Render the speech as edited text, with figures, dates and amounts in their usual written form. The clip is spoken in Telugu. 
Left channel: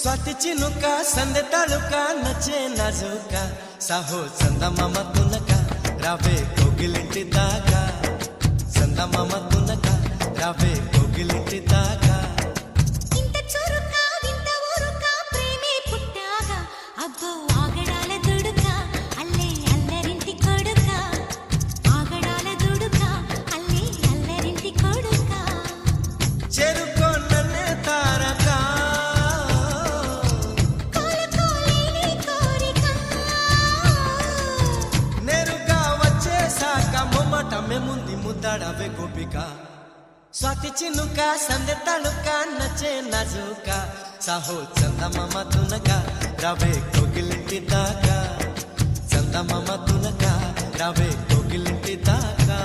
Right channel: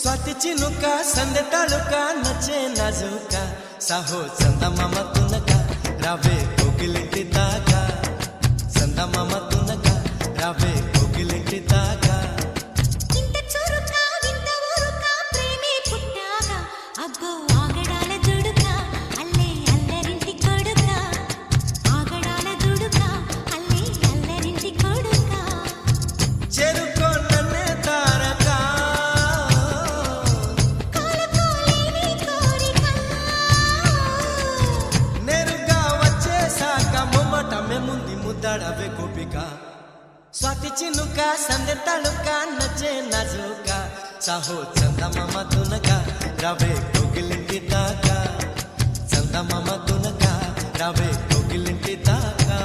स्वाती चिनुका संदे तालुका नचे नाजुका साहो चंदमाम तुनका रावे कोगिलिंटी दाका चंदमाम तुनका रावे कोगिलिंटी दाका इंत चुरुका विंत ऊरुका प्रेमे पुट्टागा अब्बो आगडाल दुडुका अल्ले अल्लरिंटी कोडुका आगडाल दुडुका अल्ले अल्लरिंटी कोडुका చెరుకో నన్నే తారకా కోలుకోలేని కోరిక నేరుగా వచ్చేసాక మొమ్మటమే ముందు ముద్దాడవే గోపిక స్వాతి చినుక సందె తళుక నచ్చే నాజుక సాహో చందమామ తునక రవే కోగిలింటి దాకా చందమామ తునక రవే కోగిలింటి దాకా